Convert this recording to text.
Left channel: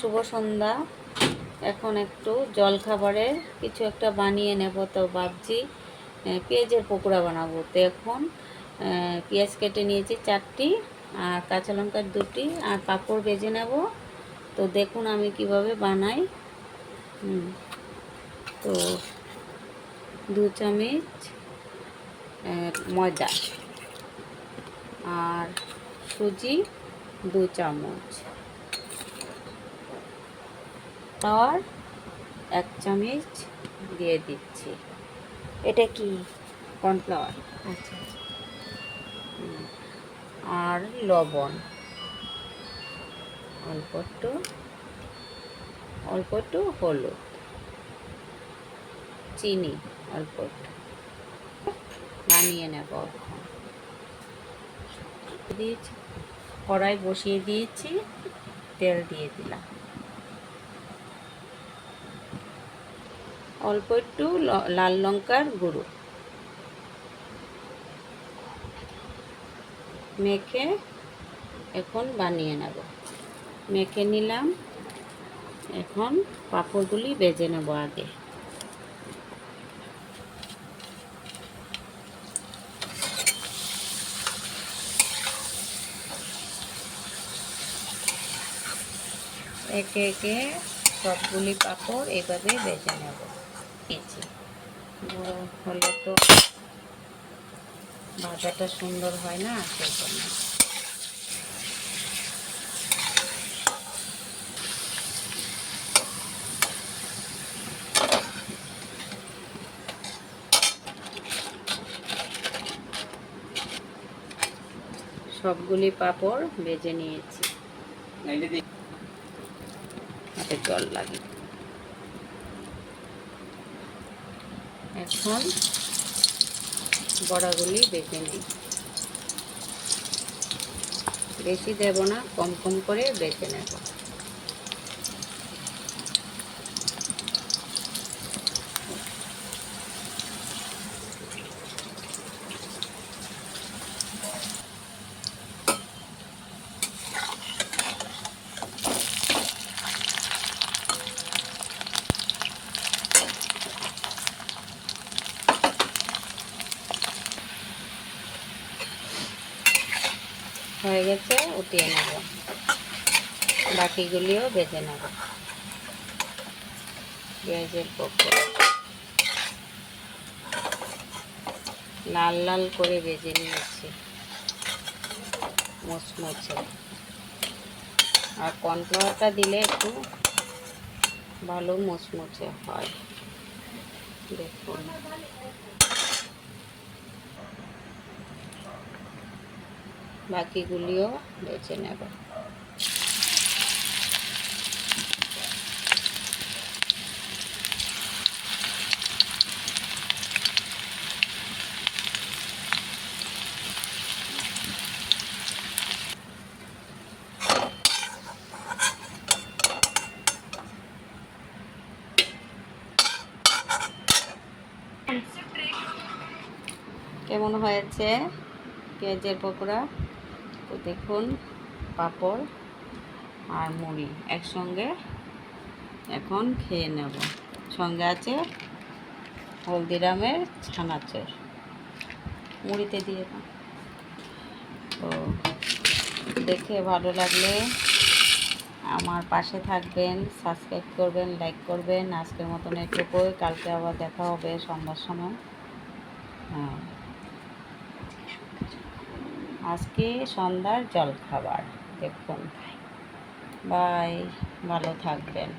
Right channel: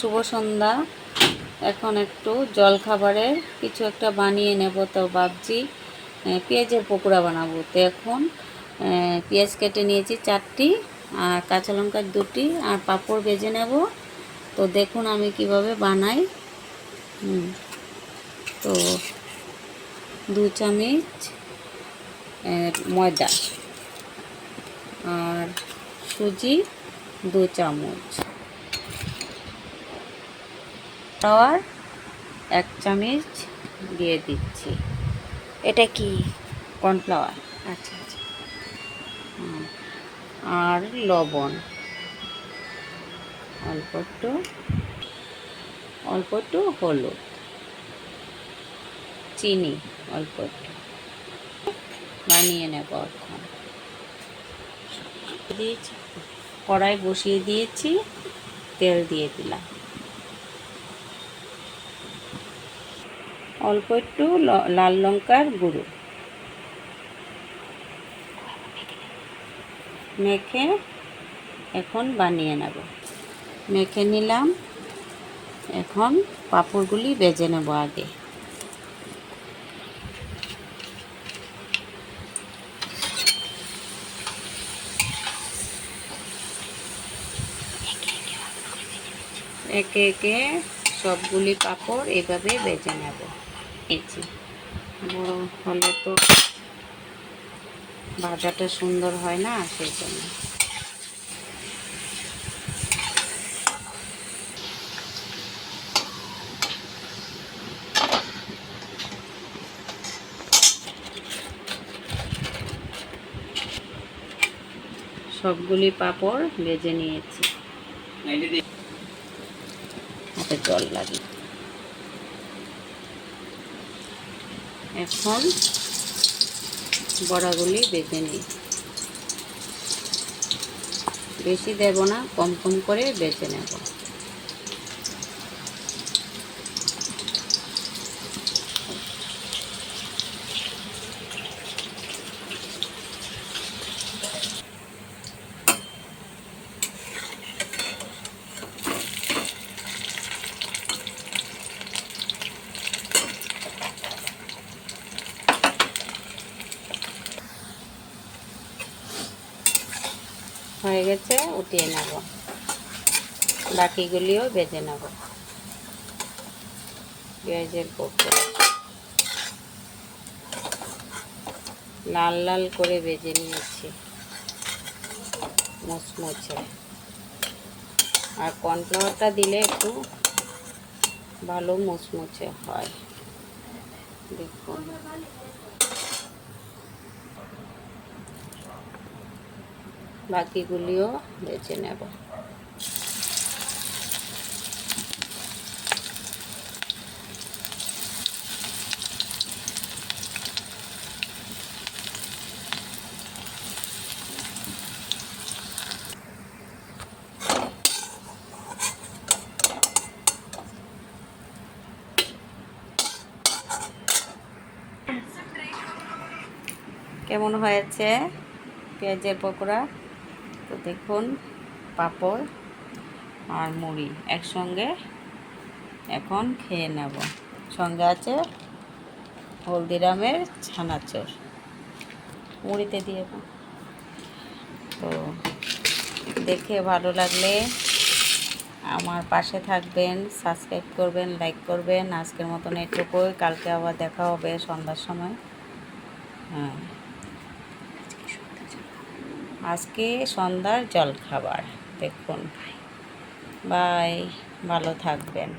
শুভ সন্ধ্যা। এখন একটু জলখাবারে কিছু একটা বানিয়ে নেব, তো ভাবছি পেঁয়াজের পকোড়া বানাবো। তো এখন পেঁয়াজ কেটে নিয়েছি 4টি, আর কাঁচা লঙ্কা 2টি, আর পাঁপড় ভেজে নেব। তো দেখুন আমি কিভাবে বানাই। তো 2 চামচ ময়দা, আর সুজি 2 চামচ, আর 1 চামচ দিয়ে দিচ্ছি। এটা কি? কর্নফ্লাওয়ার। আচ্ছা আচ্ছা। আর লবণ অল্প একটু হলুদ, চিনি অল্প একটু, বানিয়ে নেব। এখন দিয়েছি, কড়াই বসিয়ে দিয়েছি, তেল দিয়ে দিলাম, অল্প একটু লাল লঙ্কার গুঁড়ো মেখে এখন বানিয়ে নেব। মেখে নিলাম, এখন পাঁপড়গুলি ভেজে নেব আগে। একে একে সবগুলি পাঁপড় এভাবে ভেজে নেব। বড় হলে তো ভাজাটা সুন্দর হয় না, সেই জন্য। সবগুলি পাঁপড় ভেজে নিয়েছি। হাতে জল লাগে। এখন বড়াগুলি ভেজে নিই, বেশি দেব না, কম কম করে ভেজে নেব। হয়ে গেছে, উঠিয়ে নেব। বাকিগুলিও ভেজে নেব। পেঁয়াজের পকোড়া লাল লাল করে ভেজে নিয়েছি, মুচমুচে। আর কর্নফ্লাওয়ারটা দিলে একটু ভালো মুচমুচে হয়। দেখুন, বাকিগুলিও ভেজে নেব। কেমন হয়েছে পেঁয়াজের পকোড়া? তো দেখুন, পাঁপড় আর মুড়ি একসঙ্গে এখন খেয়ে নেব। সঙ্গে আছে হলদিরামের ছানাচুর, মুড়িতে দিয়ে দাও। তো দেখে ভালো লাগলে আমার পাশে থাকবেন, সাবস্ক্রাইব করবেন, লাইক করবেন। আজকের মতন এটুকুই, কালকে আবার দেখা হবে সন্ধ্যার সময়। হ্যাঁ, আজকে সন্ধ্যার জলখাবার দেখুন। বাই, ভালো থাকবেন।